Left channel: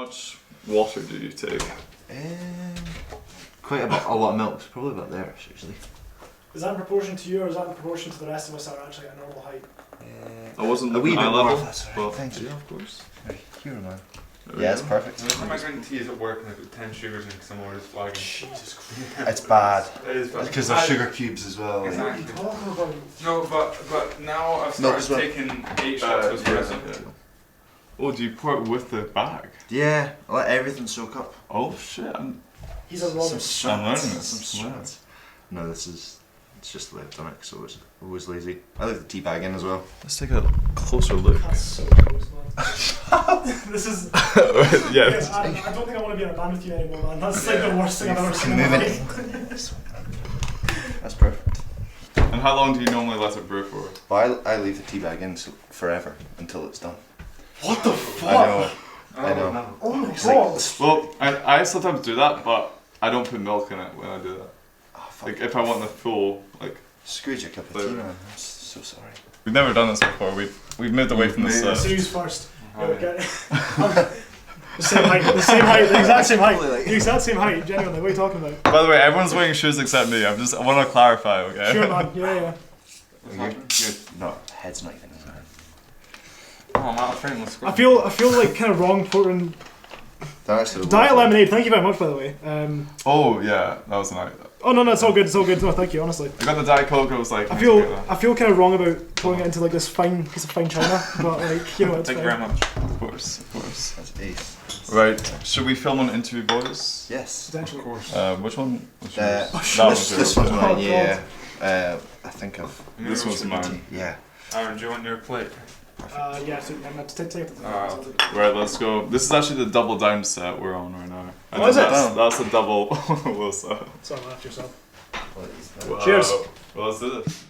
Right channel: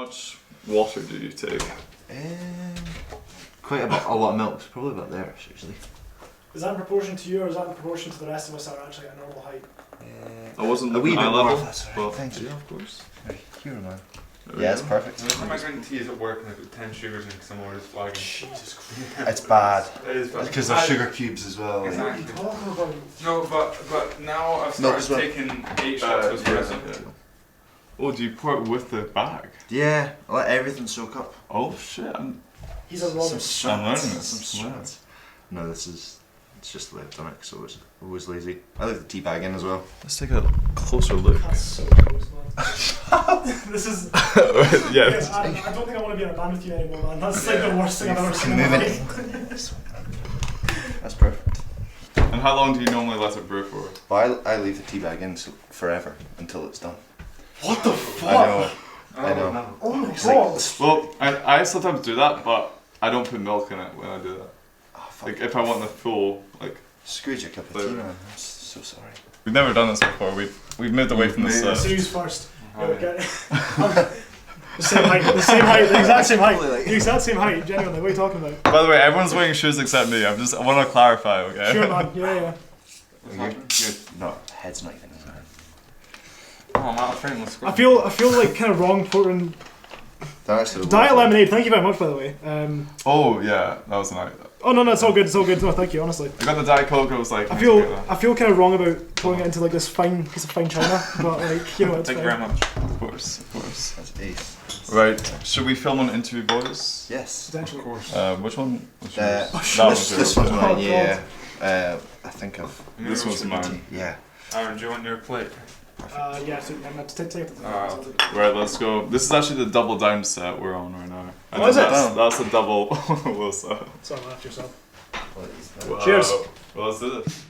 much water do you take? Quite a lot of milk. Probably about there usually. Is that in proportion to you, or is that in proportion to the rest of us that are actually at a normal height? I wasn't a wee bit eye more. level. That's alright. Well, Thank you. yeah, of course. Right, here, man. There we Yeah, it's go. perfect. Every time I drink tea is at work and I put 10 sugars in because I'm always flagging. Jesus Christ. It's bad. It is bad. Because there's sugar cubes as well. What are Exactly. you talking about? No, but now I've Milk started as well. taking 8 shots of espresso. Yeah. Oh, do you pour it with the bag? Yeah, I let everything soak up. Oh shit! He's a robot. I'm learning this. Some strats. No, it's just the way I've done it, so I was always lazy. I leave the tea bag in as well. Let's take a closer look. That's so gross, man. This is. Yeah. I don't think I want to be in a band with you anymore, man. That's like the worst thing I've ever seen in my life. That's perfect. And how long do you normally let it brew for? But I leave the tea bag in forever until it's done. What the fuck? I know. Oh my It's god. like, Well, I sometimes do that, but I don't put milk in it when I do that. oh, fuck. Like if I want the full, like Screwed your cup of tea, man. I'm so sorry. we've never done this before. We've moved away from this. Series first. Yeah, okay. The same height, the exact same height. The exact same height, genuinely. What are you talking about? By the way, everyone's wearing shoes except me. I want to clarify, okay? Sure, man. Yeah. You're not, head's not even in there. Oh, I'm out of frame. Let's go. I feel like kind of wrong pouring Diet lemonade. Thank you very much, by the way. Oh yeah, that was nice. Oh no, it's all good. It's all good. No, thank you. Honestly, I got the Diet Coke. I was like, I feel kind of wrong about pouring it into like this fine piece of fine china, but like you know, it's Thank fine. you very much. Of course. That's ace. Right. Should we film an interview boys? Yes. Potentially. Of course. Which one? That one's one's yours. mine, Oh, yeah. I think of This one's mine. Yeah. Aaron, do you want your plate? Yeah. So I'm going to take it. Right, let's go. This is actually the double down set we're on right now. And Oh, is it? That's a double Will set. Sorry, laugh yourself. Wow. Cheers. Well, let's do this.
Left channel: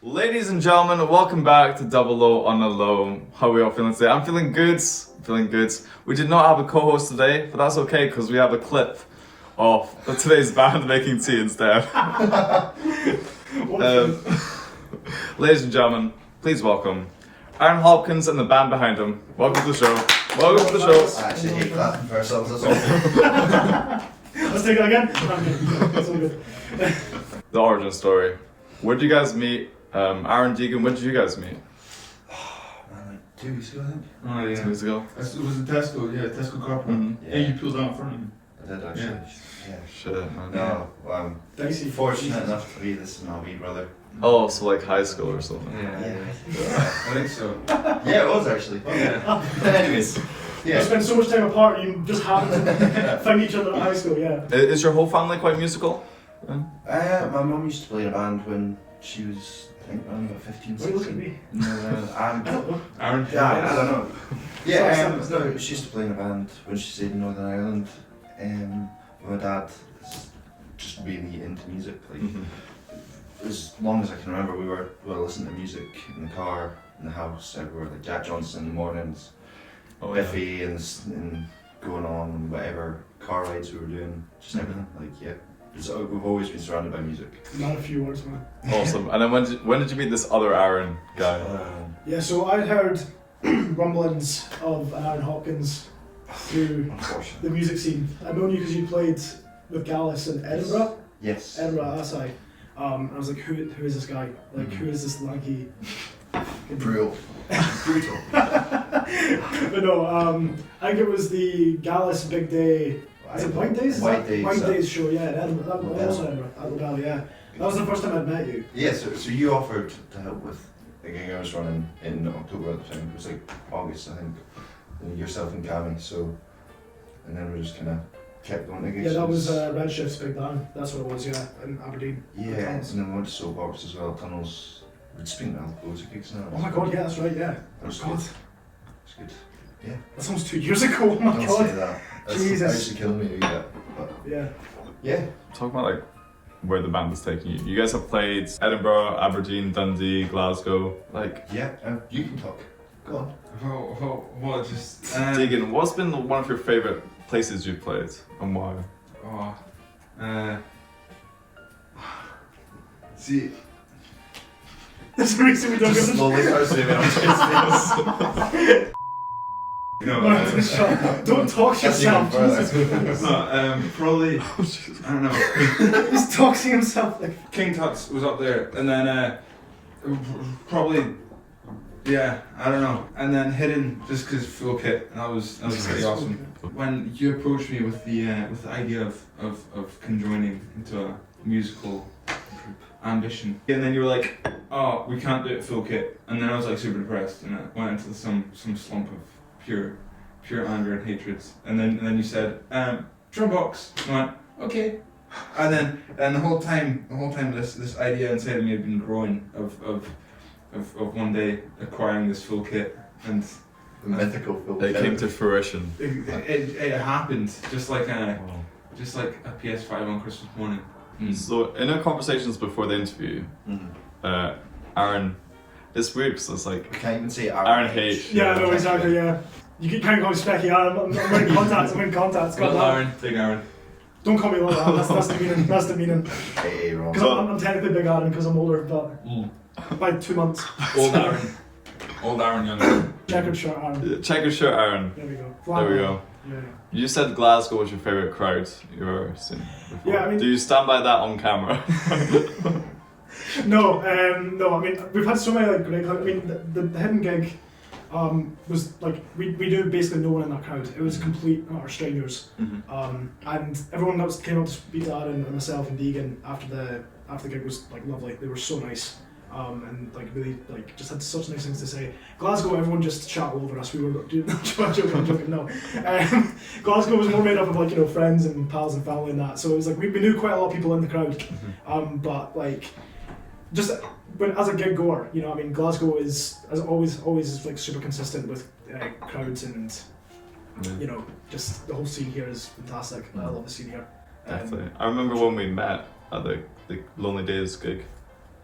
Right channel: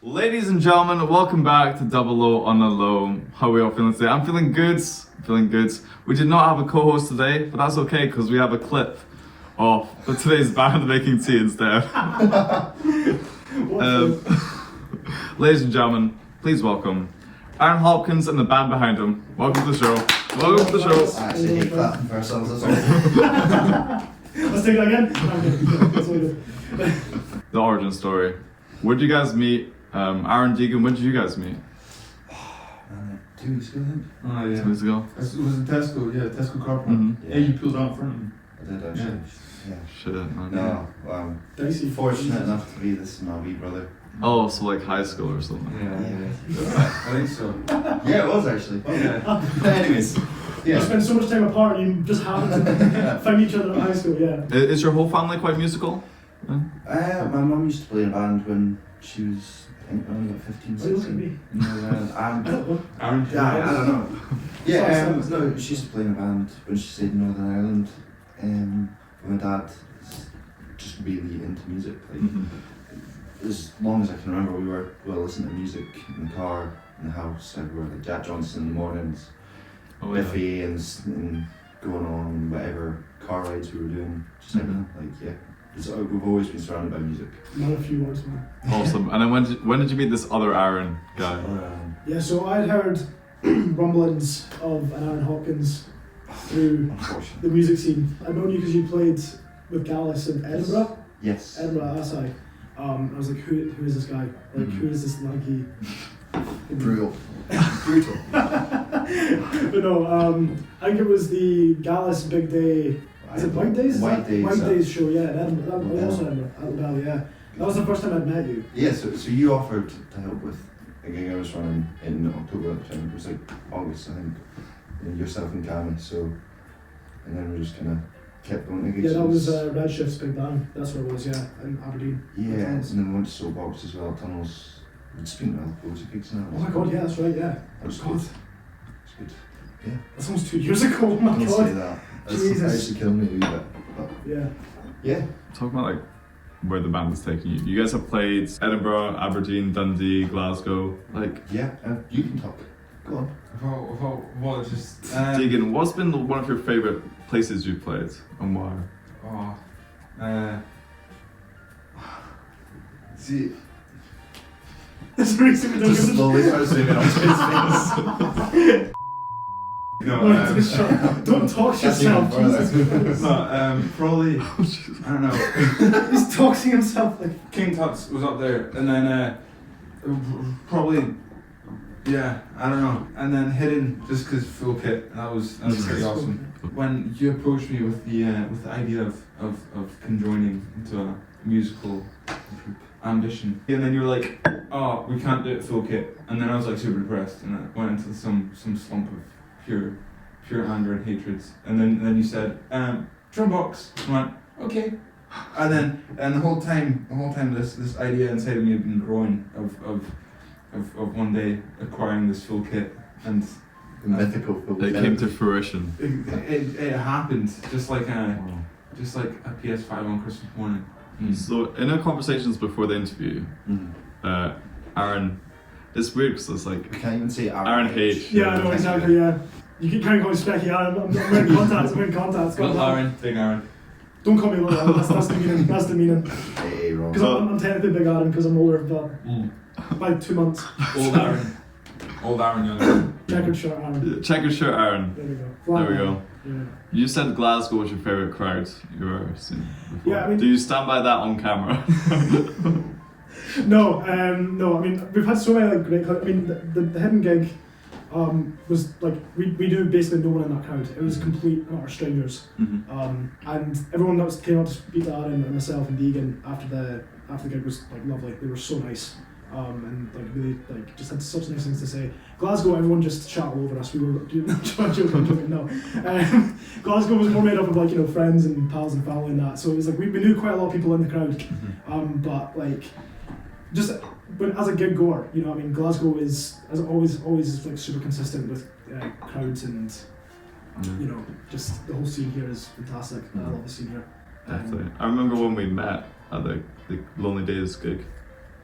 Ladies and gentlemen, welcome back to DoubleO on the Low. How are we all feeling today? I'm feeling good. We did not have a co-host today, but that's okay because we have a clip of today's band making tea instead. Ladies and gentlemen, please welcome Arran Hopkins and the band behind him. Welcome to the show. Welcome to the show. I actually hate clapping for ourselves, that's all. Let's take it again. It's all good. The origin story. Where did you guys meet? Arran, Deegan, when did you guys meet? Man, like 2 weeks ago, I think. Oh 2 weeks ago. It was in Tesco, Tesco car park. Mhm. Yeah, you pulled out front. I did actually. Yeah. Shit, man. No, well, I'm Dicey. fortunate enough to be this my wee brother. Oh, so like high school or something. Yeah. I think so. Yeah, it was actually. Yeah. Anyways. You Yeah. spend so much time apart, you just happen to find each other at high school. Yeah. Is your whole family quite musical? My mum used to play in a band when she was, I think, only about 15, Why look at 16. me? No, Aaron, I don't know. Yeah, Sorry, no, she used to play in a band when she stayed in Northern Ireland. My dad is just really into music. Like, as long as I can remember, we were listening to music in the car, in the house, everywhere. Like Jack Johnson in the mornings, Oh, yeah. Biffy, and going on whatever car rides we were doing. Just everything. Like we've always been surrounded by music. Not a few words, man. Awesome. And then when did you meet this other Arran guy? Yeah, so I'd heard rumblings of an Arran Hopkins through the music scene. I'd known you because you played with Gallus in Edinburgh. Yes. Edinburgh at Asai. I was like, who is this guy? Like, who is this lanky? Brutal. But no, I think it was the Gallus Big Day. Is it White Days? White Days. White Days show, yeah, in Edinburgh. That was also Edinburgh, at Liddell, yeah. That was the first time I'd met you. Yeah, so you offered to help with a gig I was running in October at the time. was like August, I think. Yourself and Cammy, so, and then we just kind of kept going to gigs. Yeah, that was Redshift's big band. That's what it was. Yeah, in Aberdeen. Yeah, and Tunnels. then we went to Soapbox as well. Tunnels. We'd speaking of loads of gigs now. Oh my god, yeah, that's right. Yeah. That was God, good. It's good. that's almost 2 years ago. Oh my Don't god. say that. That's Jesus. actually killing me a wee bit. But Yeah. yeah. Talk about like where the band is taking you. You guys have played Edinburgh, Aberdeen, Dundee, Glasgow. Like, Yeah, you can talk. Go on. What just Deegan, what's been one of your favorite places you've played and why? See, That's the reason we don't Just give slowly start zooming onto his face. no, Don't talk to That's even yourself. further. Jesus. no, probably I don't know. He's talking to himself like. King Tut's was up there, and then probably yeah, I don't know, and then Hidden just because full kit. That was pretty awesome. When you approached me with the idea of conjoining into a musical ambition, and then you were like, oh, we can't do it full kit, and then I was like super depressed, and I went into some slump of pure anger and hatred, and then you said drum box. I went okay, and the whole time this idea inside of me had been growing of one day acquiring this full kit, and The mythical film. It came to fruition. it happened just like a PS5 on Christmas morning. So in our conversations before the interview, Arran, it's weird because it's like We can't even say Arran H. Yeah, I know exactly. Yeah. You can't call me Specky. I'm wearing contacts. I'm wearing contacts. God, Well, damn. Aaron, big Aaron. Don't call me like that. That's the meaning. That's the meaning. Hey, wrong. Because I'm technically Big Adam because I'm older, but by 2 months. Old Aaron. Old Aaron, young Aaron. Checkered shirt Adam. Check your shirt, Arran. There we go. There we go. Yeah. You said Glasgow was your favourite crowd you've ever seen before. Yeah, I mean- do you stand by that on camera? No, no. I mean, we've had so many like great. I mean, the Hidden gig was like we knew basically no one in that crowd. It was complete utter strangers. And everyone that came up to speak to Aaron and myself and Deegan after the gig was like lovely. They were so nice. And like really like just had such nice things to say. Glasgow, everyone just chat all over us. We were I'm joking, no. Glasgow was more made up of like, you know, friends and pals and family and that. So it was like we knew quite a lot of people in the crowd. But like just when as a gig goer, you know, I mean, Glasgow is as always is like super consistent with crowds and you know, just the whole scene here is fantastic. I love the scene here. Definitely. I remember when we met at the Lonely Days gig,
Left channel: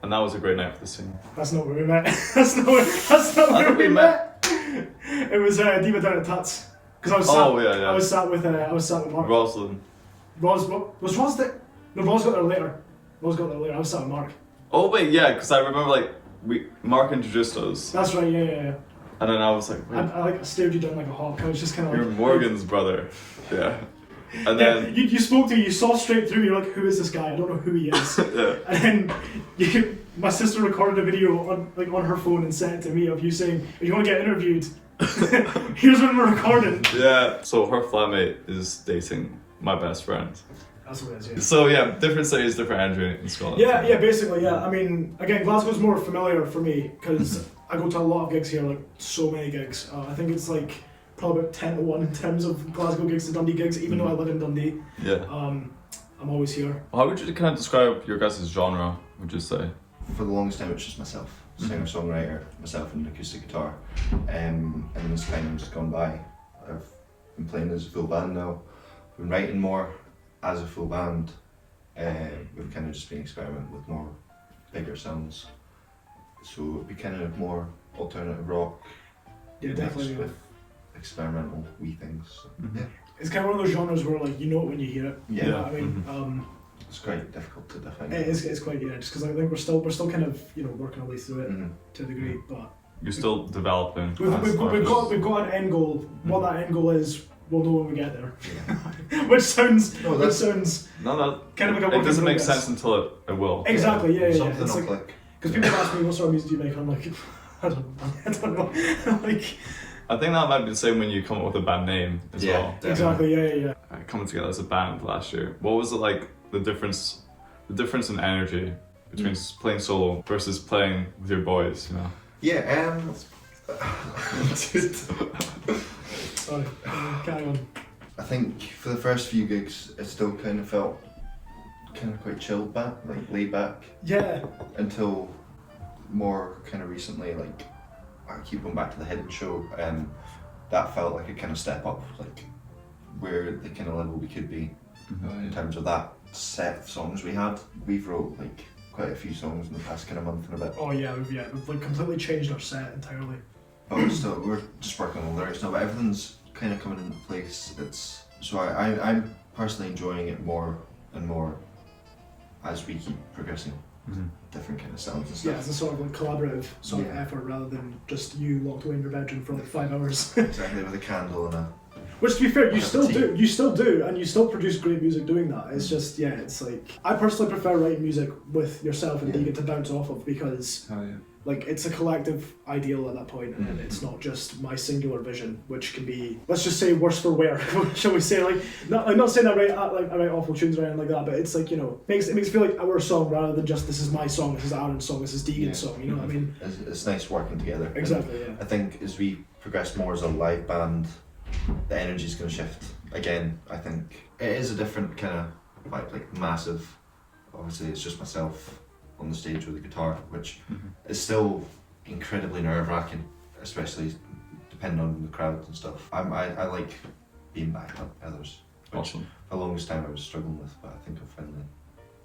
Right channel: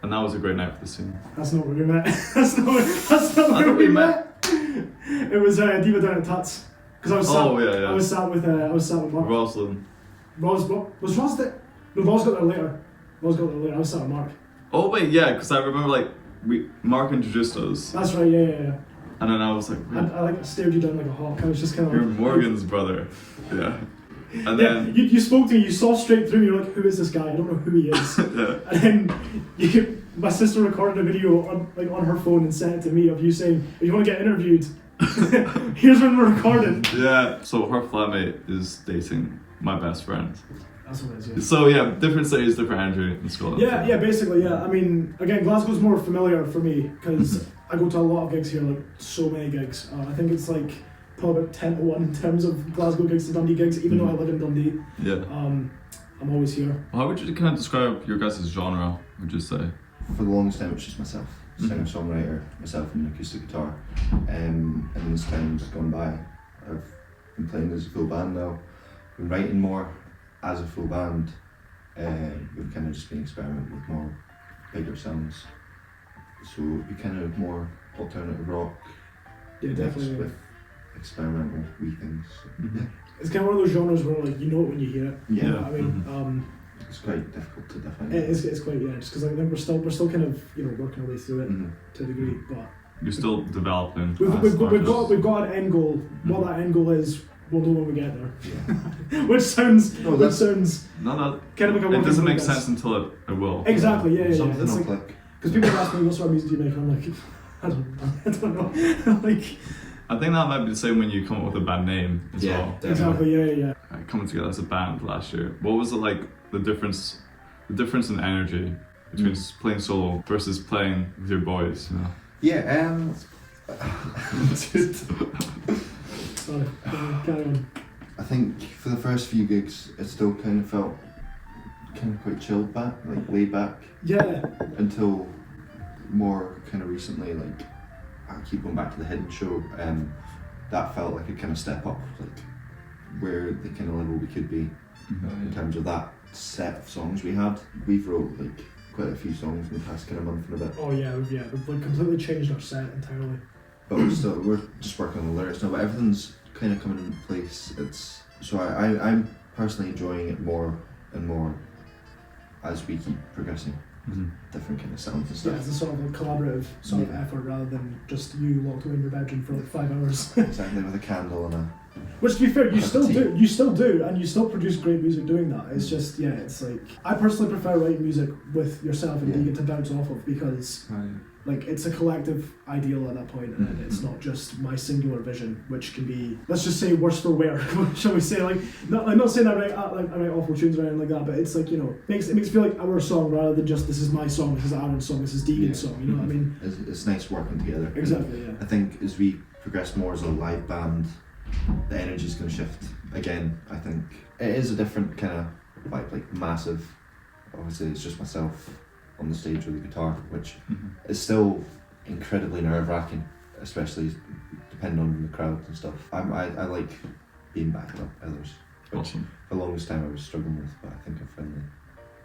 and that was a great night for the scene. That's not where we met. that's not where we met. It was Diva down at Tuts. Because I was sat. Yeah. I was sat with Mark. Rosalind. Was Ros there? No, Ros got there later. I was sat with Mark. Oh wait, yeah, because I remember like Mark introduced us, That's right. Yeah. and then I was like, wait, I like stared you down like a hawk. I was just kind of you're like. Morgan's brother. Yeah. And Yeah, then you spoke to me. You saw straight through me. You're like, who is this guy? I don't know who he is. yeah. And then my sister recorded a video on her phone and sent it to me of you saying, if you want to get interviewed, here's when we're recording. Yeah. So her flatmate is dating my best friend. That's what it is, yeah. So yeah, different cities, different energy in Scotland. Yeah, basically, yeah. I mean, again, Glasgow's more familiar for me because I go to a lot of gigs here, like so many gigs. I think it's like probably about 10 to 1 in terms of Glasgow gigs to Dundee gigs, even though I live in Dundee. Yeah. I'm always here. How would you kind of describe your guys' genre, would you say? For the longest time, it's just myself, singer-songwriter, myself and an acoustic guitar. And as time has gone by, I've been playing as a full band now, been writing more as a full band. We've kind of just been experimenting with more bigger sounds. So it'd be kind of more alternative rock Yeah, mixed definitely. with experimental wee things. Mhm. Yeah. It's kind of one of those genres where like you know it when you hear it. Yeah. You know what I mean, It's quite difficult to define. it's quite just because I think we're still kind of working our way through it Mhm. to a degree, but You're still developing. we've got an end goal. What that end goal is, we'll know when we get there. Yeah. which sounds No, which that's- sounds No, no. kind of like a work It in doesn't make progress. sense until it will. Exactly. Yeah. Something It's will like click. because people ask me what sort of music do you make, and I'm like, I don't know. Like I think that might be the same when you come up with a band name as well. exactly. Yeah. Coming together as a band last year, what was it like? The difference in energy between playing solo versus playing with your boys. You know. Yeah. Sorry, carry on. I think for the first few gigs, it still kind of felt kind of quite chilled back, like laid back, Yeah, until more kind of recently, like I keep going back to the Hidden show, that felt like a kind of step up, like where the kind of level we could be in terms of that set of songs we had. We've wrote like quite a few songs in the past kind of month and a bit, oh yeah, we've like completely changed our set entirely. but we're just working on the lyrics now. But everything's kind of coming into place. It's so I'm personally enjoying it more and more as we keep progressing. Different kind of sounds and Yeah, stuff. it's a sort of like collaborative sort of Yeah. effort rather than just you locked away in your bedroom for like 5 hours. Exactly, with a candle and a Which, to be fair, you Cup of tea. still do, and you still produce great music doing that. It's just, yeah, it's like I personally prefer writing music with yourself and Yeah. Deegan to bounce off of because, Oh, yeah. like, it's a collective ideal at that point, and it's not just my singular vision, which can be, let's just say, worse for wear. Shall we say, like not saying I write awful tunes or anything like that, but it's like, you know, it makes it feel like our song rather than just this is my song, this is Arran's song, this is Deegan's Yeah. song. You know what I mean? it's nice working together. Exactly. And Yeah. I think as we progress more as a live band, the energy's going to shift again. I think it is a different kind of vibe, like massive. Obviously, it's just myself on the stage with the guitar, which is still incredibly nerve-wracking, especially depending on the crowd and stuff. I like being backed up by others, which Awesome. for the longest time I was struggling with, but I think I've finally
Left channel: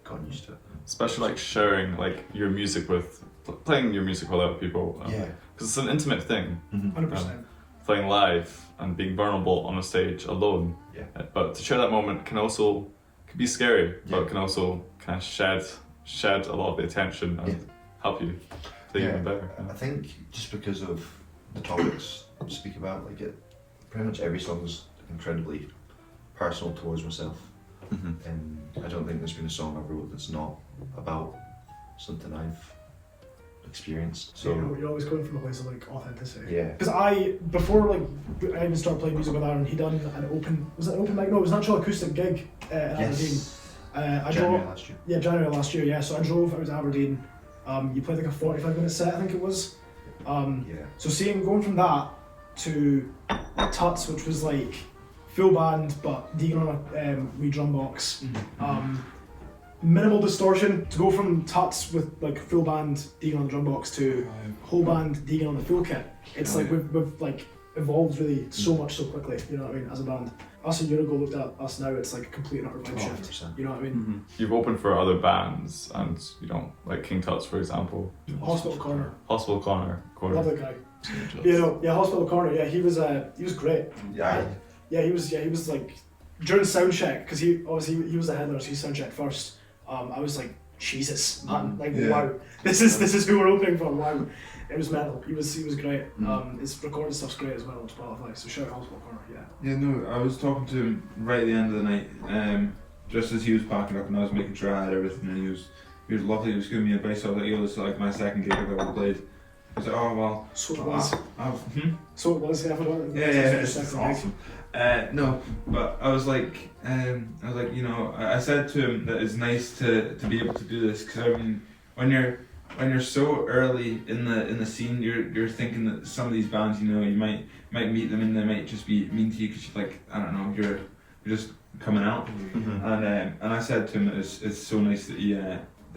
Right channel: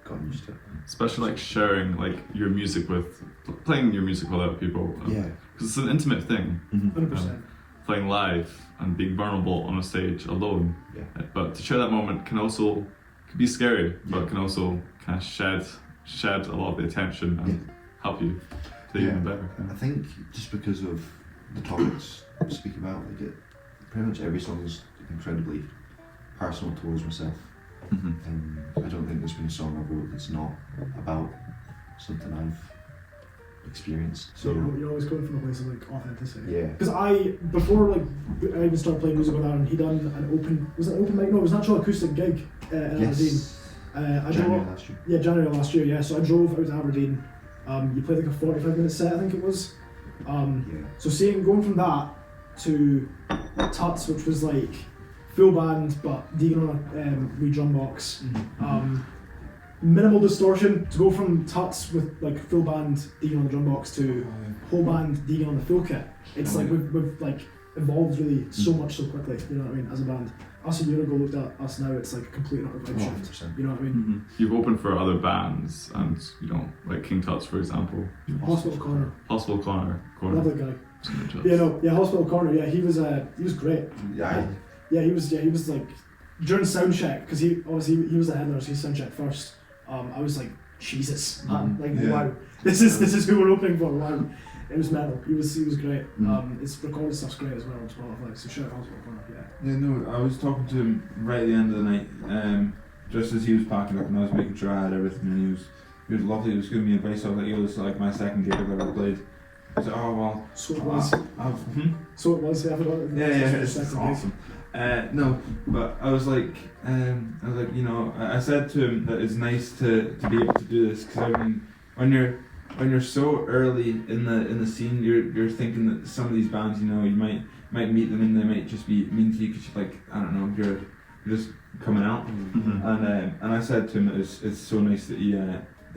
gotten used to it. Especially like sharing like your music with, playing your music with other people. Because it's an intimate thing. 100%. Playing live and being vulnerable on a stage alone. Yeah. But to share that moment can be scary, but Yeah. it can also kind of shed a lot of the attention and help you play even better. I think just because of the topics we speak about, like pretty much every song's incredibly personal towards myself. And I don't think there's been a song I've wrote that's not about something I've experienced. So So you're always coming from a place of like authenticity. yeah, Because before like I even started playing music with Arran, he done was it an open mic? No, it was an actual acoustic gig in Aberdeen. yes, I January drove, last year. yeah, January last year, yeah. So I drove out to Aberdeen. You played like a 45-minute set, I think it was. Yeah, So going from that to Tuts, which was like full band but Deegan on a wee drum box. Minimal distortion, to go from Tuts with like full band Deegan on the drum box to whole band Deegan on the full kit. It's like we've like evolved really so much so quickly, you know what I mean, as a band. Us a year ago looked at us now, it's like a complete and utter vibe shift. 100%. You know what I mean? You've opened for other bands, and you know, like King Tut's, for example. Hospital Corner, Hospital Corner. lovely guy. Yeah, Hospital Corner. Yeah, he was great. Yeah, Yeah, he was like during sound check, because he was the headliner, so he sound checked first. I was like, Jesus, man, like Yeah. wow, this is who we're opening for. Wow, it was mental. He was great. His recorded stuff's great as well on Spotify. So shout out Hospital Corner. Yeah. Yeah, no, I was talking to him right at the end of the night, just as he was packing up, and I was making sure I had everything, and he was lovely. He was giving me advice. I was like, yo, this is like my second gig I've ever played. I said, oh well. So it was. So it was. Yeah, it's awesome. No, but I was like, you know, I said to him that it's nice to be able to do this, because I mean, when you're so early in the scene, you're thinking that some of these bands, you know, you might meet them and they might just be mean to you because you're like, I don't know, you're just coming out. And I said to him that it's so nice that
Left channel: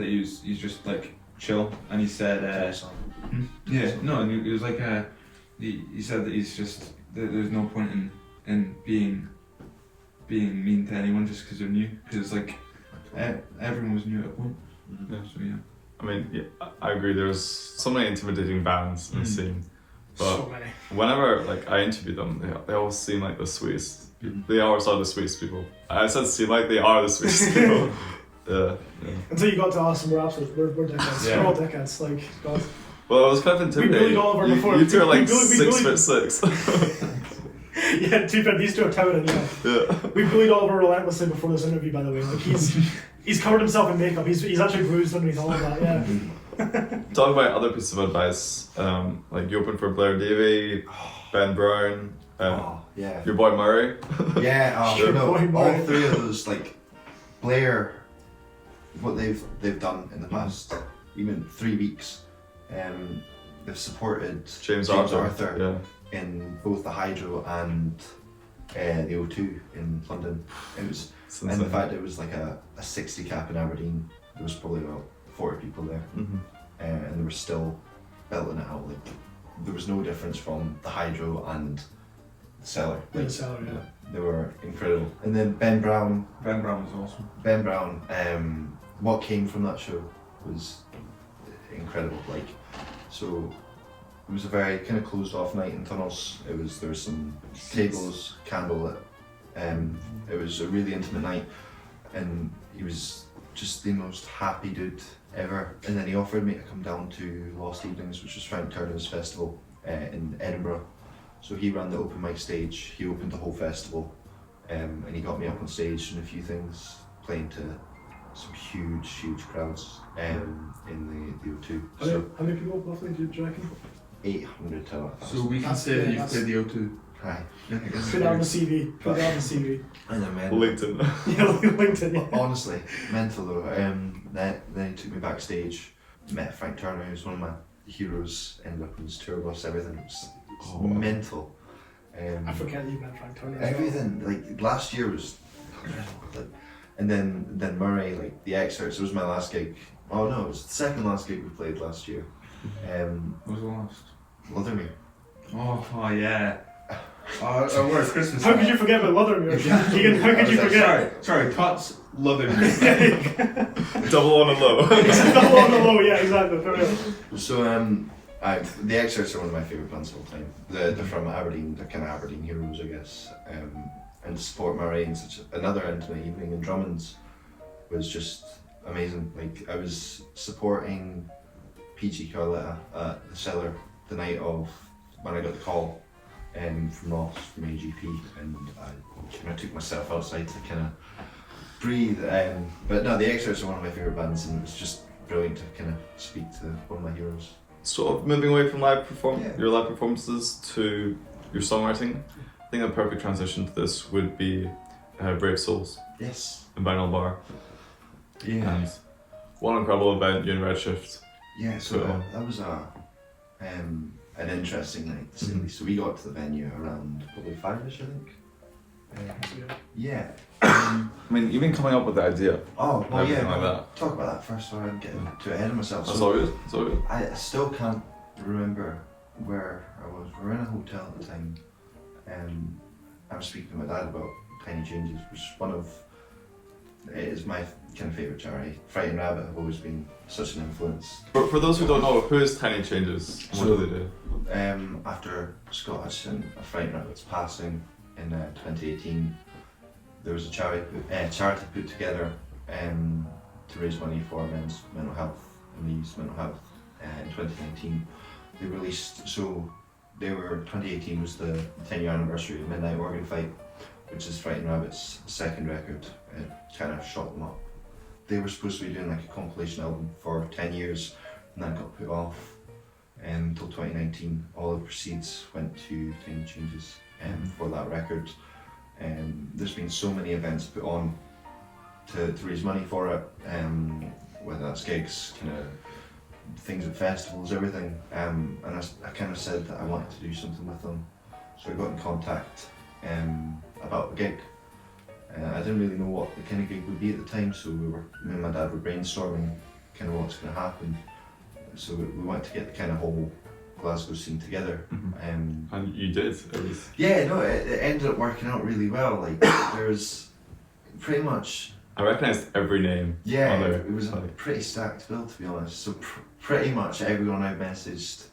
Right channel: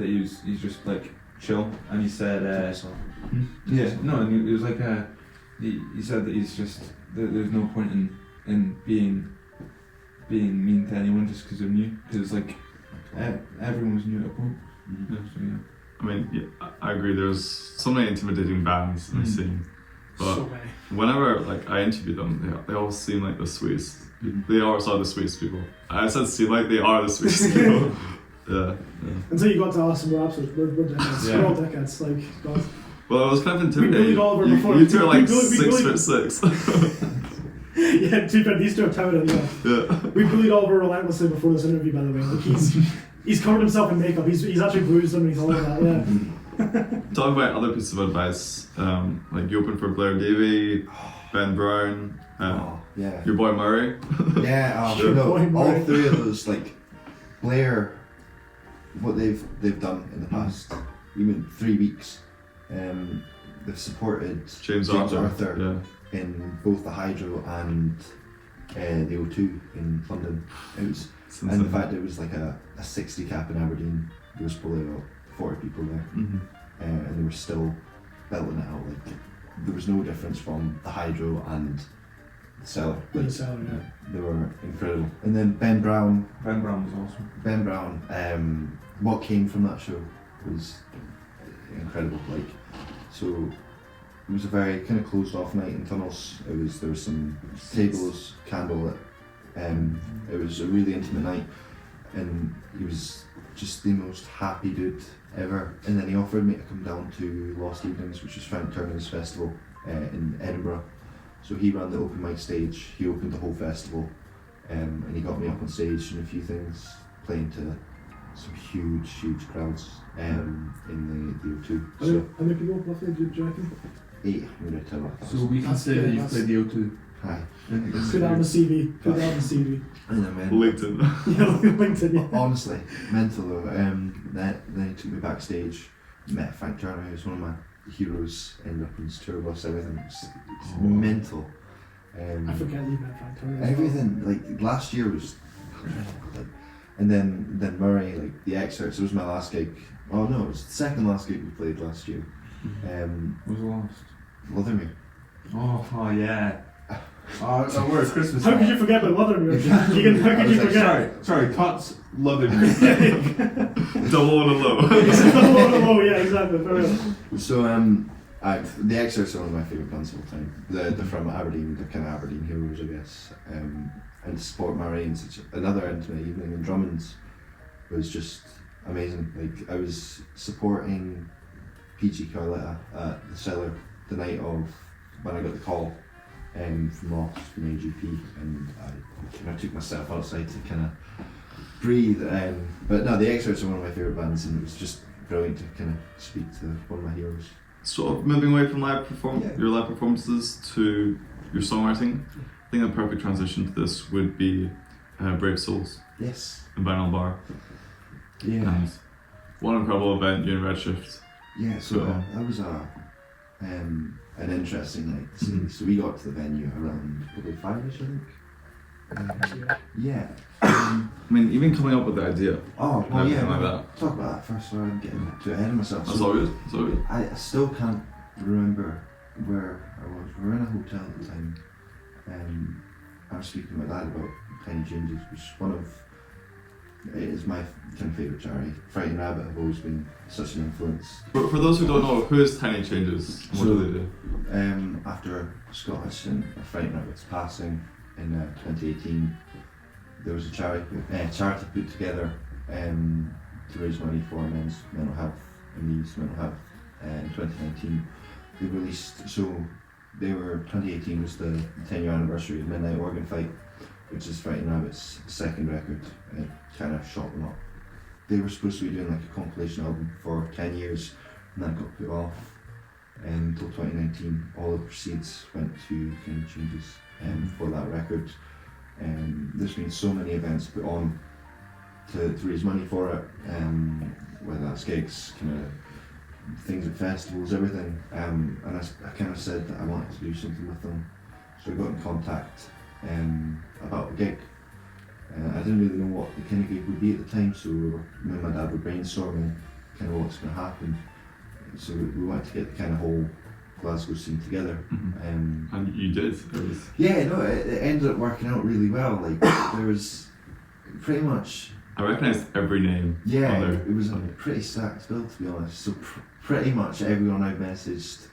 he's just like chill, and he said, yeah, no, and he was like, he said that he's just there's no point in being mean to anyone just because they're new, because like everyone was new at a point. So yeah. I mean, yeah, I agree. There's so many intimidating bands in the scene, but So many. whenever like I interview them, they always seem like the sweetest. They always are the sweetest people. I said seem like they are the sweetest people. Yeah. Until you got to us and we're absolute, we're dickheads. Yeah. We're all dickheads. Like, God. Well, it was kind of We intimidating. bullied Oliver before. You two are like We 6'6". Yeah, to be fair, these two are towering. Yeah. Yeah. We bullied Oliver relentlessly before this interview, by the way. Like he's covered himself in makeup. He's actually bruised underneath all of that. Yeah. Talk about other pieces of advice. Like you opened for Blair Davey, Ben Brown, yeah. your boy Murray. Yeah, Your no, boy all Murray. three of those, like Blair, what they've done in the past even 3 weeks, they've supported James Arthur. Yeah. in both the Hydro and the O2 in London. It was, It's and insane. the fact it was like a 60 cap in Aberdeen. There was probably about 40 people there, and they were still belting it out. Like there was no difference from the Hydro and the Cellar. Like salary, yeah. They were incredible. And then Ben Brown, was awesome. what came from that show was incredible. Like, so it was a very kind of closed off night in Tunnels. There was some tables, candlelit. It was a really intimate night, and he was just the most happy dude ever. And then he offered me to come down to Lost Evenings, which was Frank Turner's festival in Edinburgh. So he ran the open mic stage, he opened the whole festival, and he got me up on stage and a few things, playing to some huge crowds in the O2. So How many people roughly do you reckon? 800 to 1,000. So we can That's- say that yeah, you've that's- played the O2. Hi. Put that on the CV. Put that on the CV. And then LinkedIn. Yeah, LinkedIn. Yeah. honestly, mental though. Then he took me backstage, met Frank Turner, who's one of my heroes, ended up on his tour bus, everything. It was mental. I forget that you met Frank Turner. as well. Everything, like last year was incredible. Like, and then Murray, like the excerpts, it was my last gig. Oh no, it was the second last gig we played last year. What was the last? Lothermere. Oh yeah. Where Christmas? How could you forget about Lothermere? Keegan, how could you forget? Sorry, Tots Lothermere. Double on a low. It's not low on the low, yeah, exactly. For real. So the excerpts are one of my favourite bands of all time. They're from Aberdeen, they're kind of Aberdeen heroes, I guess. And to support Murray in such another intimate evening in Drummond's was just amazing. Like I was supporting PG Carletta at the Cellar the night of when I got the call from Ross from AGP, and I took myself outside to kind of breathe. But no, the Excerpts are one of my favourite bands, and it was just brilliant to kind of speak to one of my heroes. Sort of moving away from Yeah. your live performances to your songwriting. I think a perfect transition to this would be Brave Souls Yes. in Vinyl Bar. Yeah. And what an incredible event you and Redshift. Yeah. So Cool. that was an interesting night to see. So we got to the venue around probably 5ish, I think. Yeah. I mean, even coming up with the idea. Oh, well, Everything yeah. like well, that. Talk about that first, so I'm getting too ahead of myself. That's So all good. That's all good. I still can't remember where I was. We were in a hotel at the time. I was speaking to my dad about Tiny Changes, which is my kind of favourite charity. Frightened Rabbit have always been such an influence. For those who don't know, who is Tiny Changes and what do they do? After Scott Hutchison, Frightened Rabbit's passing in 2018, there was a charity put together to raise money for men's mental health and youth mental health in 2019. They released, 2018 was the 10-year anniversary of Midnight Organ Fight, which is Frightened Rabbit's second record. It kind of shot them up. They were supposed to be doing like a compilation album for 10 years, and that got put off until 2019. All the proceeds went to Tiny Changes for that record. There's been so many events put on to raise money for it, whether that's gigs, kind of things at festivals, everything. And I kind of said that I wanted to do something with them, so I got in contact about a gig. I didn't really know what the kind of gig would be at the time, so me and my dad were brainstorming kind of what's going to happen. So we wanted to get the kind of whole Glasgow scene together. And you did. It was Yeah, no, it ended up working out really well. Like there was pretty much. I recognised every name. Yeah, on there. it was a pretty stacked bill, to be honest. So pretty much everyone I messaged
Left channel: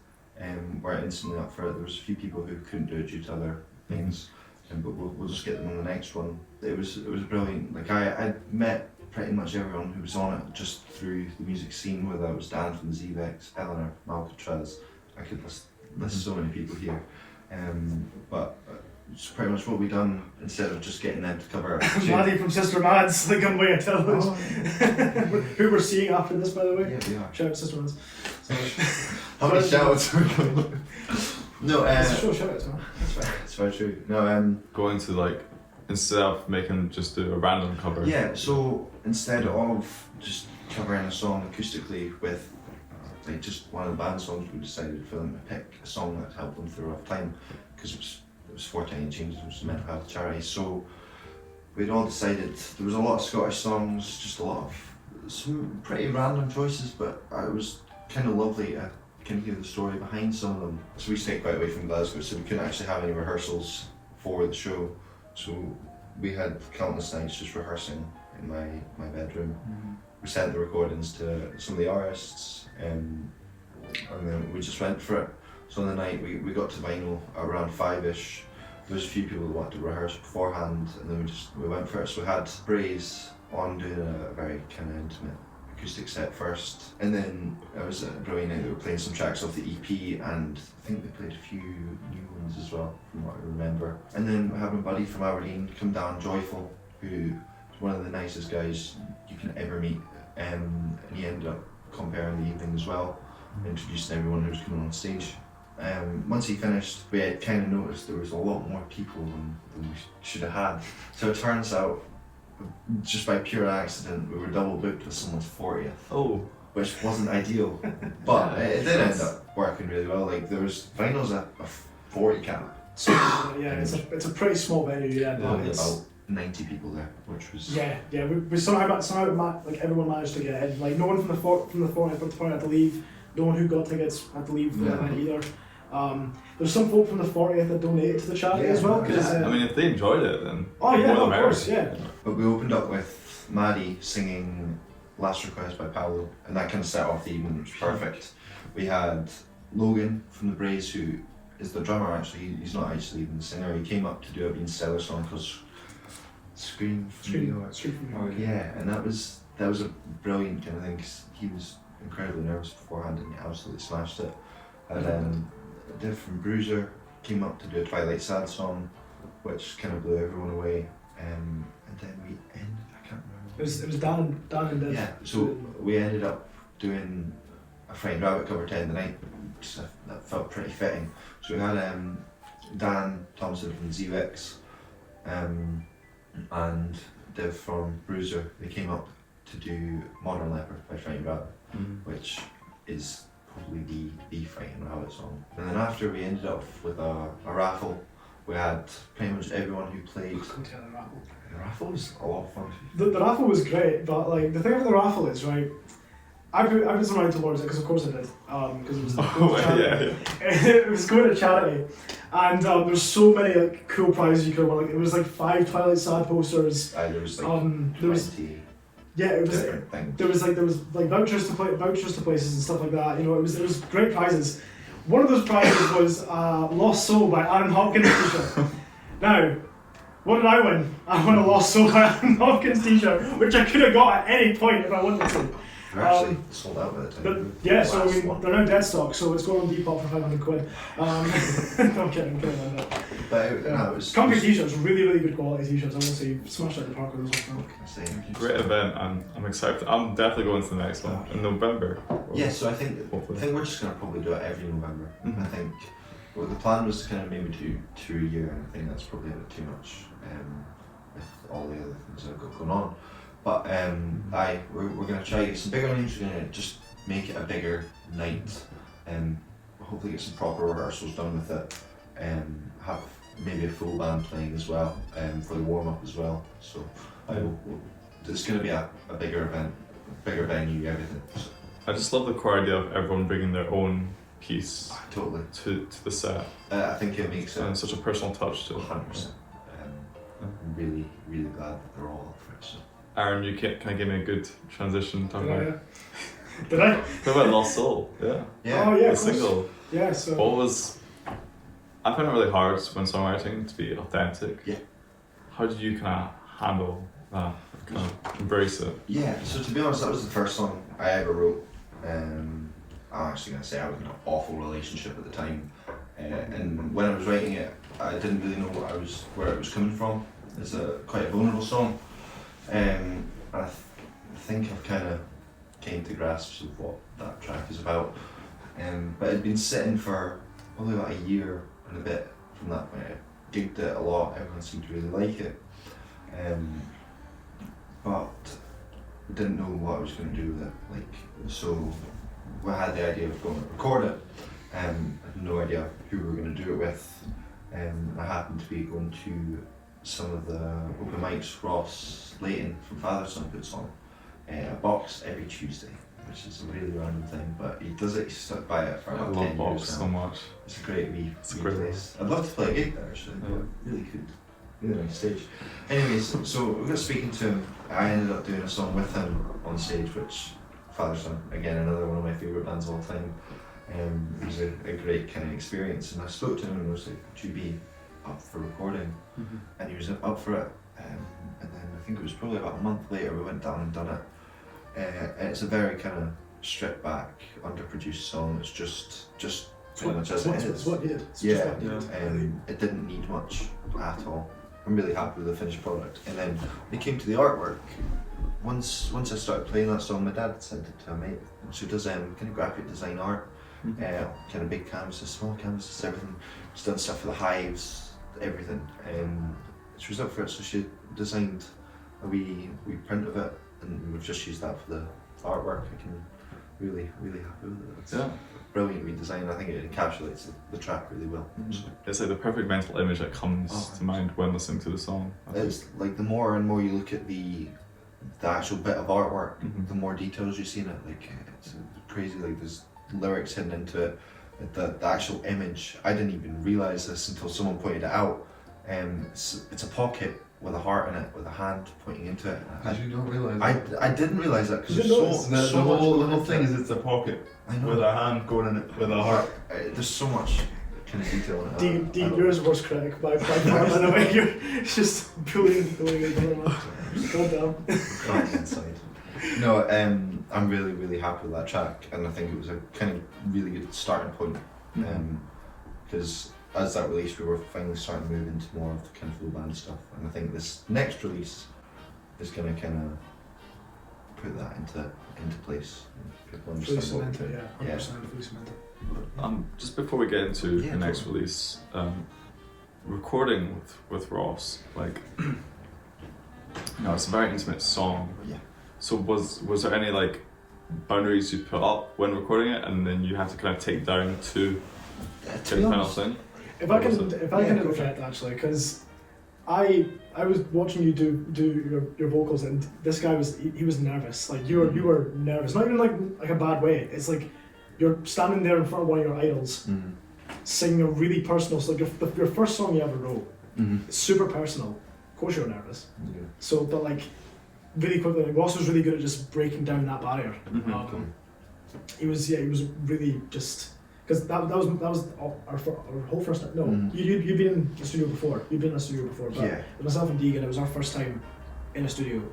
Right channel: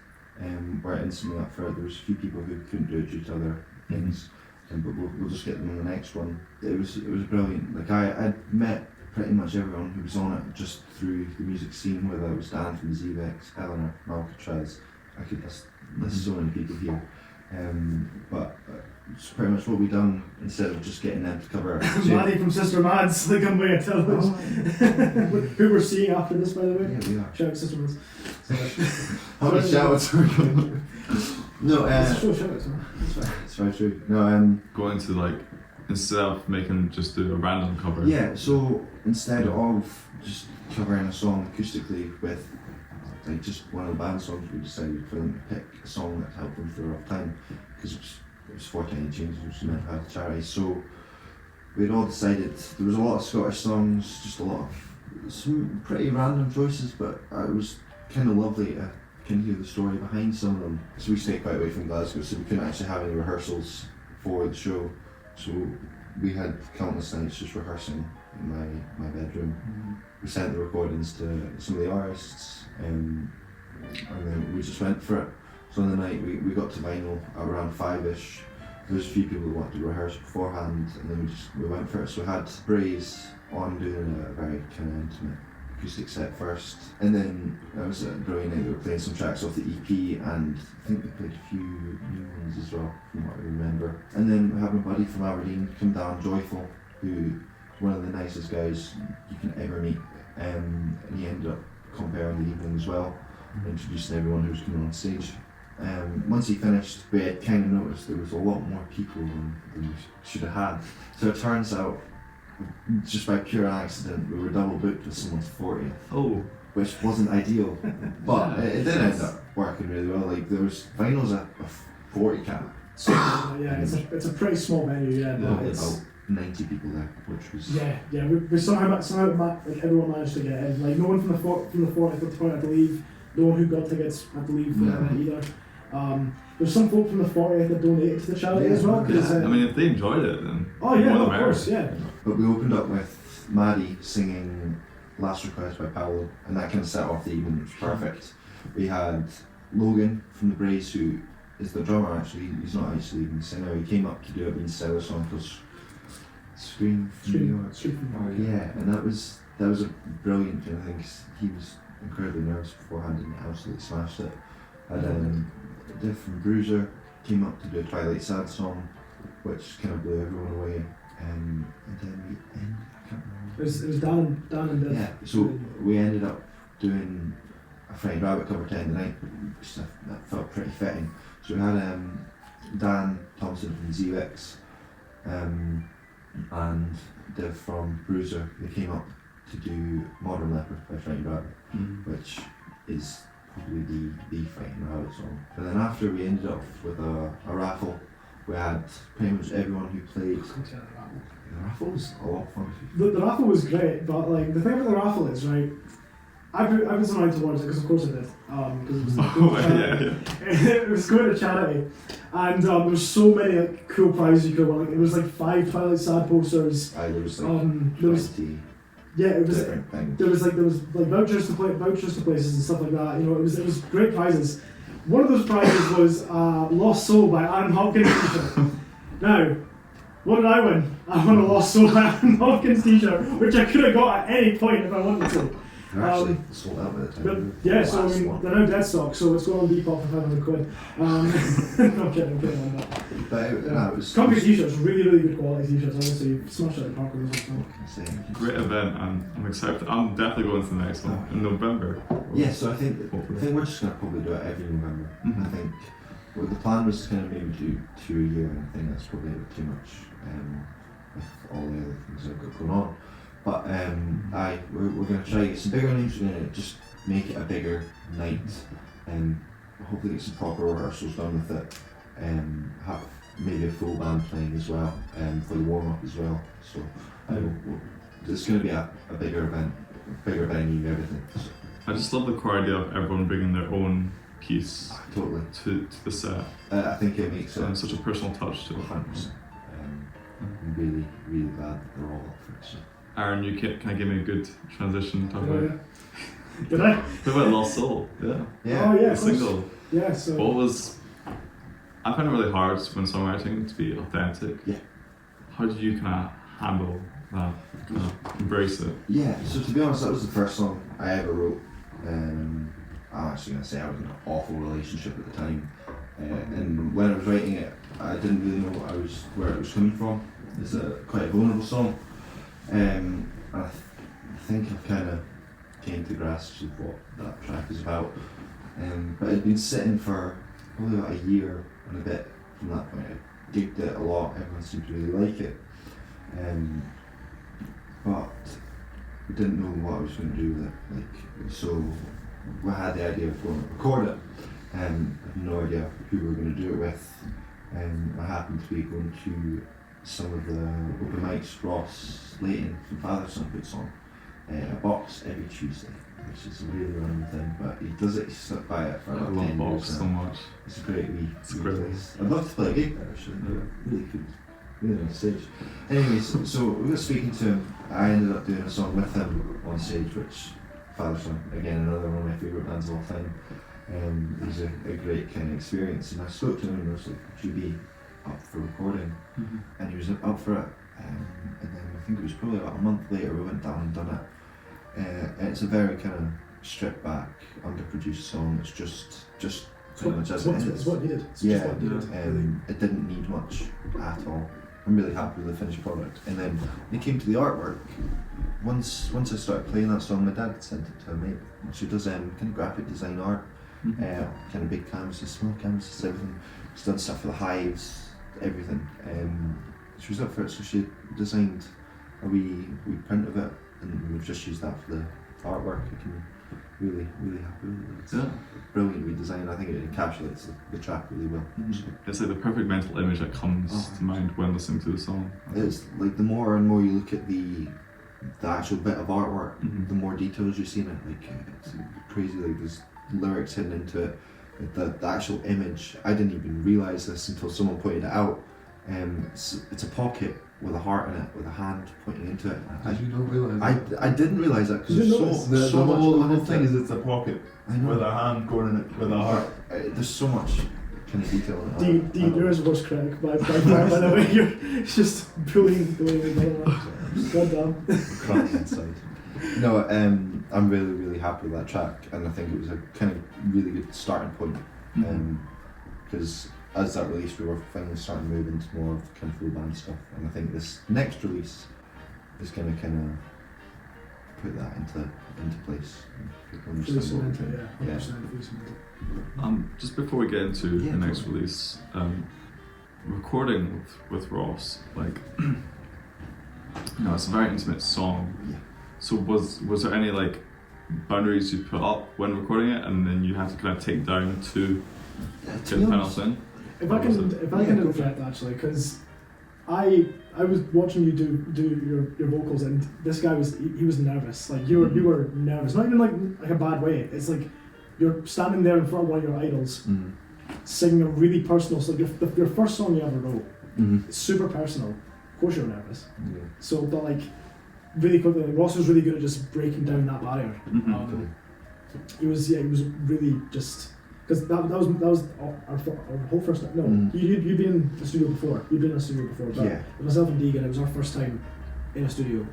were instantly up for it. There was a few people who couldn't do it due to other things, but we'll just get them on the next one. It was brilliant. Like I met pretty much everyone who was on it just through the music scene, whether it was Dan from the Zevex, Eleanor, Malcatraz. I could list so many people here. But it's pretty much what we done instead of just getting them to cover. Maddie from Sister Mads, like on way to tell us. Who we're seeing after this, by the way. Yeah, we are. Shout out Sister Mads. How many shout-outs are we going? No, Shout outs, man. it's very true. No, Going to like, instead of making just do a random cover. yeah, so instead of just covering a song acoustically with like just one of the band songs, we decided for them to pick a song that helped them through a rough time. because it was 49 James, which was meant to have charity. So we'd all decided there was a lot of Scottish songs, just a lot of some pretty random choices, but it was kind of lovely to kind of hear the story behind some of them. So we stayed quite away from Glasgow, so we couldn't actually have any rehearsals for the show. So we had countless nights just rehearsing in my bedroom. We sent the recordings to some of the artists, and then we just went for it. So on the night we got to vinyl at around 5ish. There was a few people that wanted to rehearse beforehand, and then we went for it. So we had Braze on doing a very kind of intimate acoustic set first, and then I was at Brilliant Night. They were playing some tracks off the EP, and I think they played a few new ones as well, from what I remember. And then we had my buddy from Aberdeen come down, Joyful, who is one of the nicest guys you can ever meet, and he ended up comparing the evening as well, introducing everyone who was coming on stage. Once he finished, we had kind of noticed there was a lot more people than we should have had. So it turns out, just by pure accident, we were double booked with someone's 40th. Oh. Which wasn't ideal, but it did end up working really well. Like there was finals at a 40 cap. So yeah, it's a pretty small venue. Yeah, but There it's about 90 people there, which was yeah. We somehow like everyone managed to get in. Like no one from the 40th had to leave. No one who got tickets had to leave from the event either. There's some folk from the 40th that donated to the charity as well. Yeah, I mean, if they enjoyed it, then Oh yeah, more the of merrier. course, yeah. But we opened up with Maddie singing Last Request by Paolo, and that kind of set off the evening, which was perfect. We had Logan from the Braze, who is the drummer actually. He's not actually even the singer. He came up to do a Bean Stellar song called Scream for Me. Yeah, and that was a brilliant kind of thing, 'cause he was incredibly nervous beforehand and he absolutely smashed it. And Div from Bruiser came up to do a Twilight Sad song, which kind of blew everyone away. And then we ended, I can't remember. It was Dan and Div. Yeah, so we ended up doing a Frightened Rabbit cover to end the night. Just that felt pretty fitting. So we had Dan Thompson from ZX and Div from Bruiser. They came up to do Modern Leopard by Frightened Rabbit, which is probably the Frightened Rabbit song. And then after we ended up with a raffle. We had pretty much everyone who played. The raffle was a lot of fun. The raffle was great, but like the thing with the raffle is right. I was aligned towards it because of course I did. Because it was it was going to charity, and there's so many like cool prizes you could win. Like, it was like 5 Twilight Sad posters. There was like there was 20 yeah, it was different things. there was like vouchers to places and stuff like that. You know, it was great prizes. One of those prizes was Lost Soul by Arran Hopkins t-shirt. Now, what did I win? I won a Lost Soul by Arran Hopkins t-shirt, which I could have got at any point if I wanted to. They're actually sold out by the time. But yeah, so I mean, they're now dead stock, so it's going on Depop for 500 quid. No, I'm kidding. But it was. Can't get t-shirts, really good quality t-shirts. Honestly, you smashed it at the park with those ones. Great event, and I'm excited. I'm definitely going to the next one in November. Yeah, so I think we're just gonna probably do it every November. I think the plan was to kind of maybe do 2 a year, and I think that's probably a bit too much with all the other things I've got going on. But we're gonna try to get some bigger names. We're gonna just make it a bigger night, and hopefully get some proper rehearsals done with it, and have maybe a full band playing as well, for the warm up as well. So it's gonna be a bigger event, bigger venue, everything. I just love the core idea of everyone bringing their own piece Totally. to the set. I think it makes And it such a personal touch to it. 100%. I'm really, really glad that they're all up for it. So. Aaron, you can I give me a good transition? Talk about Did I? What about Lost Soul? Yeah. Yeah. Oh yeah, The of course. single. Yeah, so. What was? I find it really hard when songwriting to be authentic. Yeah. How did you kind of handle that? Kind of embrace it. Yeah, so to be honest, that was the first song I ever wrote. I'm actually going to say I was in an awful relationship at the time. And when I was writing it, I didn't really know where it was coming from. It's quite a vulnerable song. And I think I've kind of came to grasp of what that track is about. But it'd been sitting for probably about a year and a bit from that point. I gigged it a lot, everyone seemed to really like it. But didn't know what I was going to do with it. So we had the idea of going to record it, and had no idea who we were going to do it with. I happened to be going to some of the open mics. Ross Layton from Father's Son puts on a box every Tuesday, which is a really random thing, but he does it, he's stuck by it for I like love 10 Box years so now. much. It's a great wee It's a great place. I'd love to play a gig there actually, Yeah. but really could. Really on stage. Anyways, so we got speaking to him. I ended up doing a song with him on stage, which Father's Son, again, another one of my favourite bands of all time. It was a great kind of experience, and I spoke to him and was like, would you be up for recording? And he was up for it, and then I think it was probably about a month later we went down and done it. And it's a very kind of stripped back, underproduced song. It's just pretty much as it is. It's what it did. It's Yeah, just what it did. it didn't need much at all. I'm really happy with the finished product. And then when it came to the artwork, once I started playing that song, my dad sent it to a mate. She does kind of graphic design art, kind of big canvases, small canvases, everything. She's done stuff for the hives, everything. She was up for it, so she designed a wee print of it, and we've just used that for the artwork. I can really happy with it. It's brilliant redesign. I think it encapsulates the track really well. It's like the perfect mental image that comes to mind when listening to the song. It's like the more and more you look at the actual bit of artwork, the more details you see in it. Like it's crazy. Like there's lyrics hidden into it. The actual image, I didn't even realise this until someone pointed it out. It's a pocket with a heart in it, with a hand pointing into it. Did you not realise that? I didn't realise that because You there's didn't so, notice? so The much whole going into thing it. is it's a pocket I know. with a hand going in it with a heart. There's so much kind of detail in it. Dean, you're his worst critic by far, by the way. You're just bullying the other. God damn. Crying inside. No, I'm really happy with that track, and I think it was a kind of really good starting point. Because as that released, we were finally starting to move into more of the kind of full band stuff, and I think this next release is going to kind of put that into place. People Fully understand what we're cemented, doing. yeah. 100% fully cemented. Just before we get into Yeah, the next totally. release, recording with Ross, like, it's a very intimate song. Yeah. So was there any like boundaries you put up when recording it, and then you have to kind of take down to To get be the final honest, thing? If I What was can, it? if I Yeah, can go for interject actually, because I was watching you do your vocals, and this guy was he was nervous. Like you were nervous, not even like a bad way. It's like you're standing there in front of one of your idols, singing a really personal. So like your first song you ever wrote, it's super personal. Of course you're nervous. So, but like really quickly, like Ross was really good at just breaking down that barrier. He was really just. Because that was our whole first time. No, you'd been in the studio before. You'd been in the studio before. But Yeah. with myself and Deegan, it was our first time in a studio,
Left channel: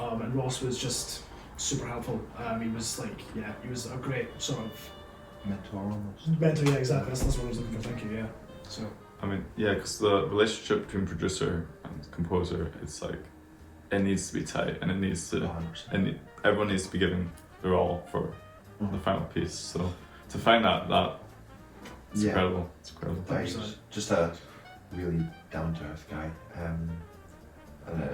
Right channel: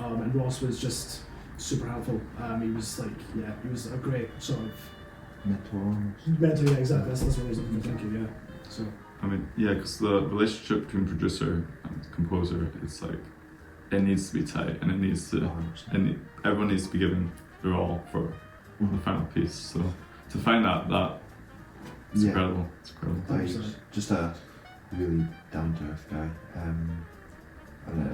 and Ross was just super helpful. He was he was a great sort of mentor. Yeah, exactly. That's what I was looking for. Thank you. Yeah. So. I mean, yeah, because the relationship between producer and composer, it's like it needs to be tight, and it needs to, 100%. everyone needs to be giving their all for the final piece. So to find that. It's Yeah. incredible. It's incredible. He was just a really down to earth guy, and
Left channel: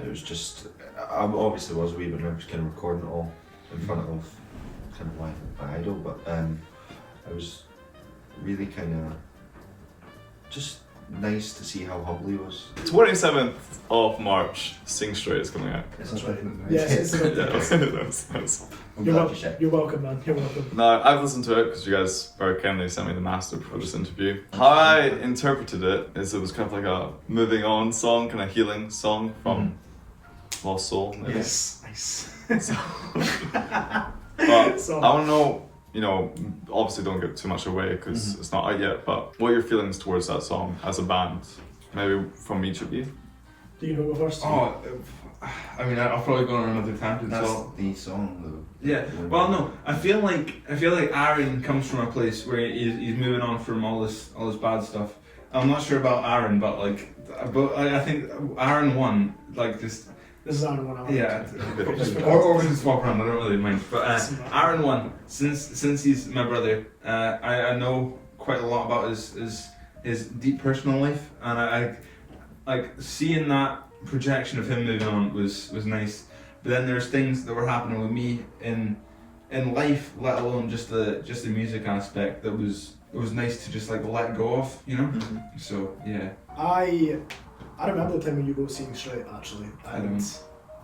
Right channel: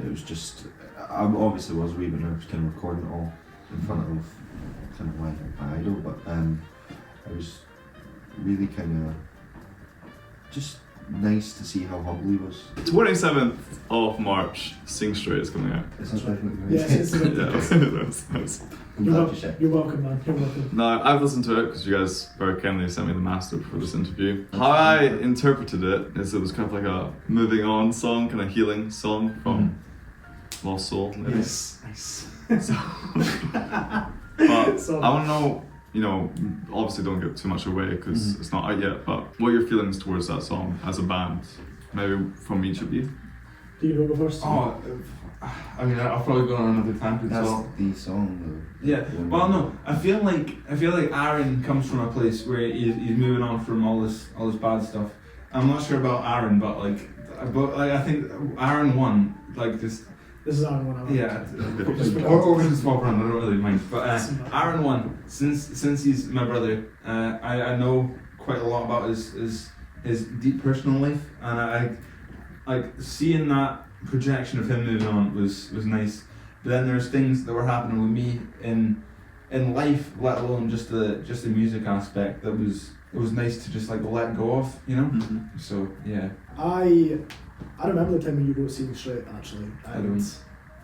it was just. I obviously was a wee bit nervous kind of recording it all in front of kind of my idol, but I was really kind of just nice to see how humble he was. 27th of March, Sing Straight is coming out. It's That's right. definitely Yeah, it's That's- I'm You're, glad you checked. you're welcome, man. You're welcome. No, I've listened to it because you guys very kindly sent me the master for this interview. How I interpreted it is it was kind of like a moving on song, kind of healing song from Lost Soul. Maybe. Yes. Nice. But So- I want to know, obviously don't give too much away because it's not out yet, but what are your feelings towards that song as a band? Maybe from each of you? Do you know go first? Oh, I mean, I'll probably go on another tangent. That's So the song yeah. Well, no, I feel like Arran comes from a place where he's moving on from all this bad stuff. I'm not sure about Arran, but I think Arran won like this. This is Arran 1 hour. Yeah, or we can swap around. I don't really mind. But Arran won since he's my brother. I know quite a lot about his deep personal life, and I like seeing that projection of him moving on was nice. But then there was things that were happening with me in life, let alone just the music aspect. It was nice to just like let go of, you know. So yeah. I remember the time when you wrote Seeing Straight actually. I don't.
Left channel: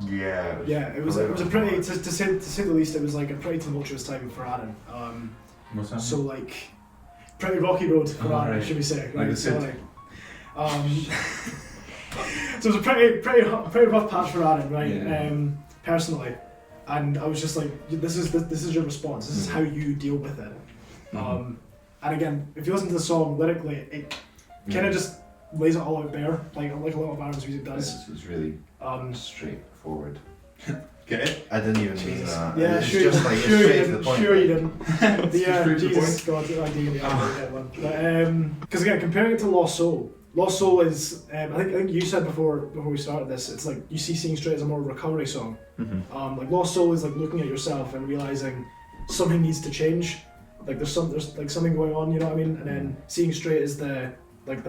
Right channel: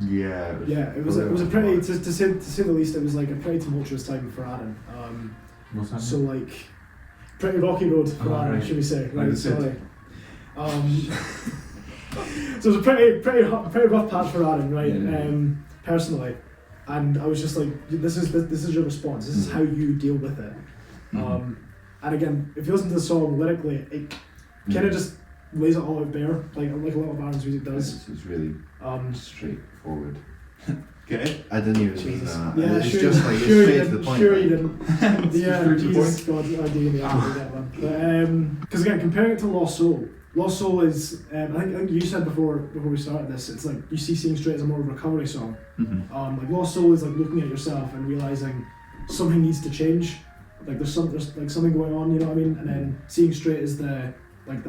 Yeah. It was a pretty to say the least. It was like a pretty tumultuous time for Arran. What's that? So like pretty rocky road for Arran, right. should we say? Like Right. the So, Cid. like, so it was a pretty rough patch for Arran, right? Yeah. Personally, and I was just like, this is your response. This is how you deal with it. And again, if you listen to the song lyrically, it kind of just lays it all out bare, like a lot of Arran's music does. It's really Um, straightforward. Okay. I didn't even mean that. Yeah, it's sure, just like sure it's you straight to the didn't. point. Sure like, you didn't. Yeah, Straight to the Jesus God, I do need to get one. But because again, comparing it to Lost Soul is I think you said before we started this, it's like you see Seeing Straight as a more recovery song. Like Lost Soul is like looking at yourself and realizing something needs to change. Like there's like something going on, you know what I mean? And then Seeing Straight is the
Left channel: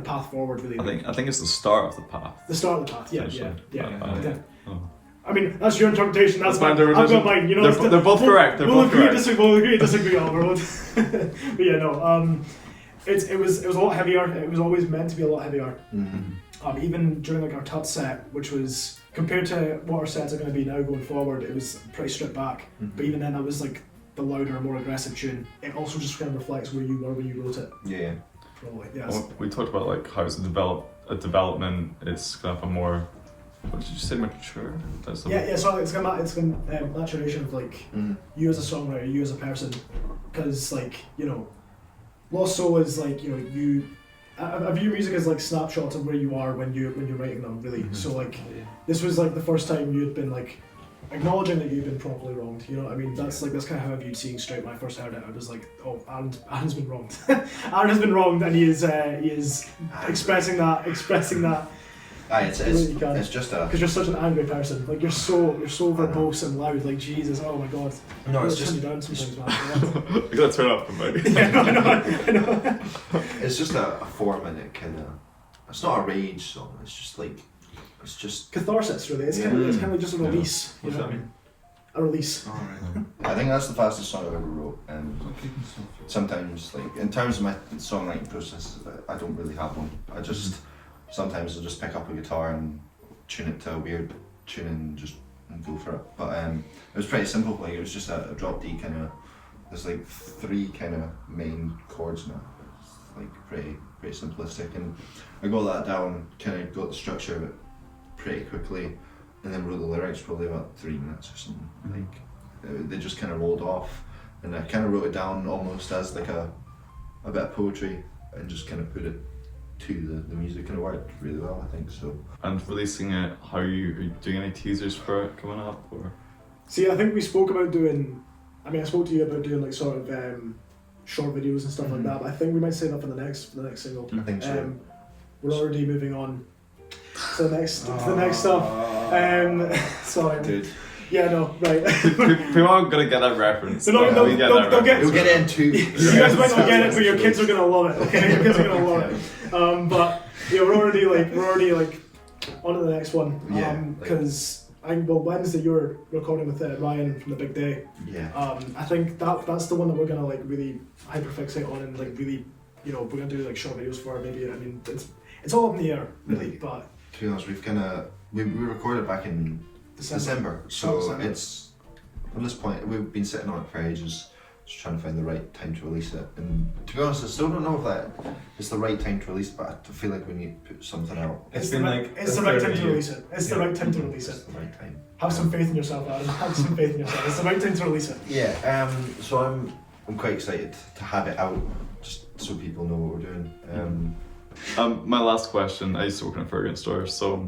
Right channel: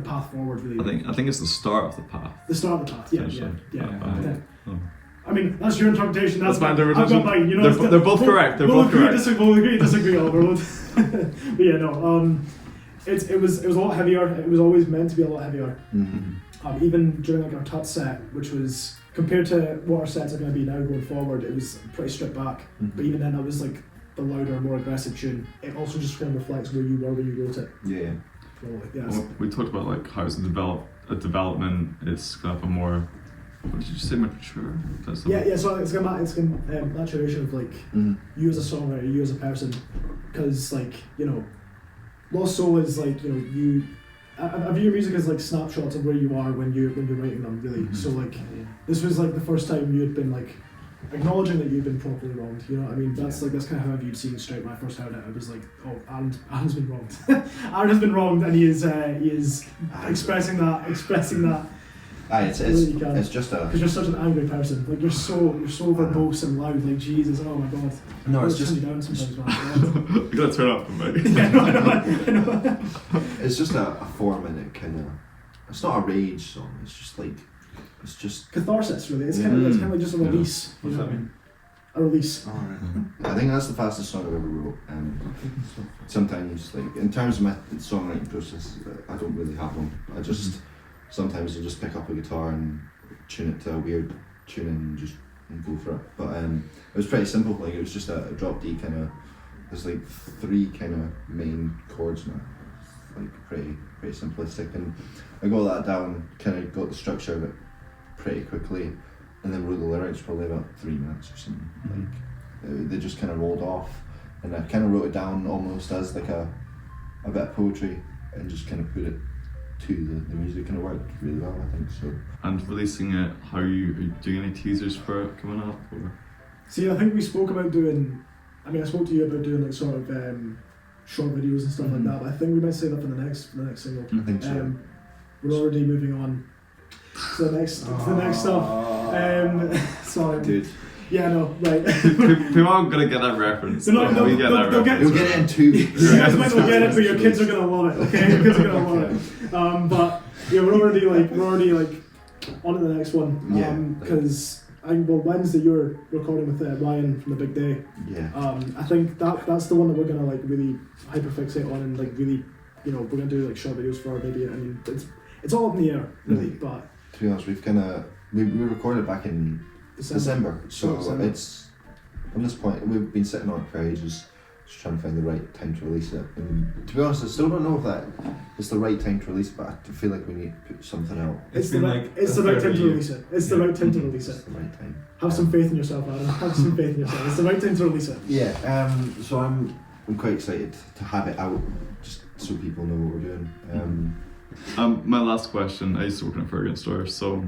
path forward, really. I think it's the start of the path. The start of the path. Yeah. Yeah. Oh. I mean, that's your interpretation. That's my I've got interpretation. mine. You know, They're both correct. They're both correct. We'll agree to disagree on the road. But yeah, no. It was a lot heavier. It was always meant to be a lot heavier. Even during like our Tut set, which was compared to what our sets are going to be now going forward, it was pretty stripped back. But even then, that was like the louder, more aggressive tune. It also just kind of reflects where you were when you wrote it. Yeah. Probably. Yeah. Well, we talked about like how it's a development. It's kind of a more. What did you say? Mature. Yeah. So it's gonna maturation of like you as a songwriter, you as a person, because like Lost Soul is like you. I view your music as like snapshots of where you are when you're writing them, really. So like this was like the first time you had been like acknowledging that you've been properly wronged. You know what I mean? That's kind of how I viewed Seeing Straight when I first heard it. I was like, oh, Aaron's been wronged. Aaron has been wronged, and he is expressing that. Aye, it's just a. Because you're such an angry person. Like you're so verbose and loud. Like Jesus, oh my God. No, it's turn just. you down sometimes, man. You gotta turn up, mate. Yeah, no, I know. It's just a 4-minute kind of. It's not a rage song. It's just like. It's just. Catharsis, really. It's kind of like just a release. You know what I mean? A release. I think that's the fastest song I've ever wrote. Sometimes, like in terms of my songwriting process, I don't really have one. I just sometimes I'll just pick up a guitar and tune it to a weird tune and just go for it. But it was pretty simple. Like it was just a drop D kind of. There's like 3 kind of main chords in it. It's like pretty simplistic, and I got that down. Kind of got the structure of it pretty quickly. And then wrote the lyrics probably about 3 minutes or something. Like they just kind of rolled off, and I kind of wrote it down almost as like a bit of poetry, and just kind of put it to the music, and it worked really well, I think so. And releasing it, are you doing any teasers for it coming up? Or? See, I think we spoke about doing. I mean, I spoke to you about doing like sort of short videos and stuff like that. But I think we might say that for the next single. I think so. We're already moving on to the next stuff. Sorry, Dude, yeah, no, right. People aren't gonna get that reference. They'll We get that they'll reference. you'll get it in 2 weeks. You guys might not get it, but your kids are gonna love it. Okay, your kids are gonna love it. But yeah, we're already on to the next one. Yeah, Because Wednesday you're recording with Ryan from the Big Day. Yeah. I think that's the one that we're gonna like really hyperfixate on, and like really, we're gonna do like short videos for. Maybe I mean it's all up in the air really, but To be honest, we recorded back in December, so December. it's from this point we've been sitting on it for ages, just trying to find the right time to release it. And to be honest, I still don't know if that is the right time to release it, but I feel like we need to put something out. It's the right time to release it. It's the right time to release It's it. the right time. Have some faith in yourself, Adam. Have some faith in yourself. It's the right time to release it. Yeah. So I'm quite excited to have it out, just so people know what we're doing. My last question. I used to work in a fragrance store, so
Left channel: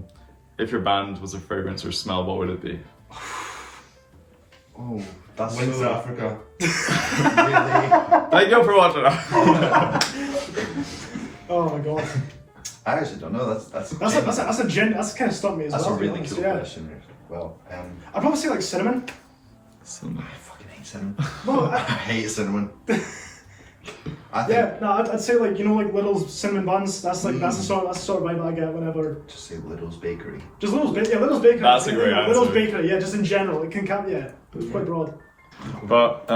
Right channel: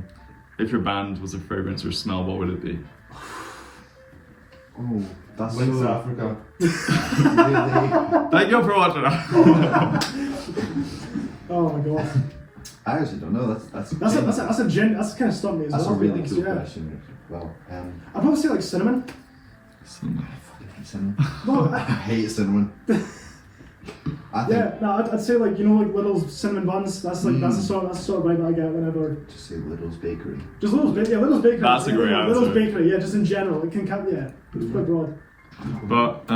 if your band was a fragrance or smell, what would it be? Oh, that's Wings so Africa. really. Thank you for watching. Oh my God. I actually don't know. That's That's kind of stumped me as That's well. a to be really honest, cool yeah. question. Well, I'd probably say like cinnamon. I fucking hate cinnamon. Well, I hate cinnamon. I think yeah, no, I'd say like like little cinnamon buns. That's like that's the sort of vibe I get whenever. just say Little's Bakery. Just Little's Bakery. That's a great answer. Little's Bakery, yeah, just in general. It can it's quite broad. But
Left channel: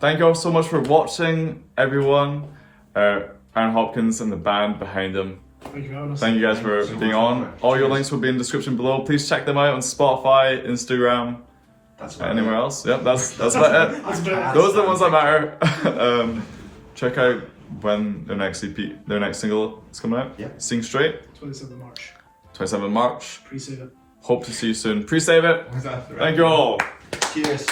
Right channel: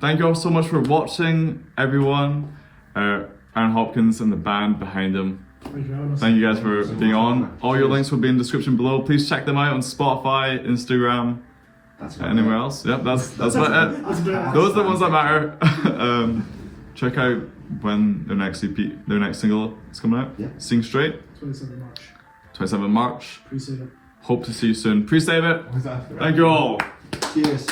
thank you all so much for watching, everyone. Aaron Hopkins and the band behind him Thank you for having us. Thank you guys for being on. All your links will be in the description below. Please check them out on Spotify, Instagram, That's about anywhere it. else. Yep, that's about it. That's about it. Those are the ones that matter. Check out when their next EP, their next single is coming out. Yeah. Sing Straight, 27th of March. 27th March. Appreciate it. Hope to see you soon. Pre-save it. Was that Thank you all. Cheers.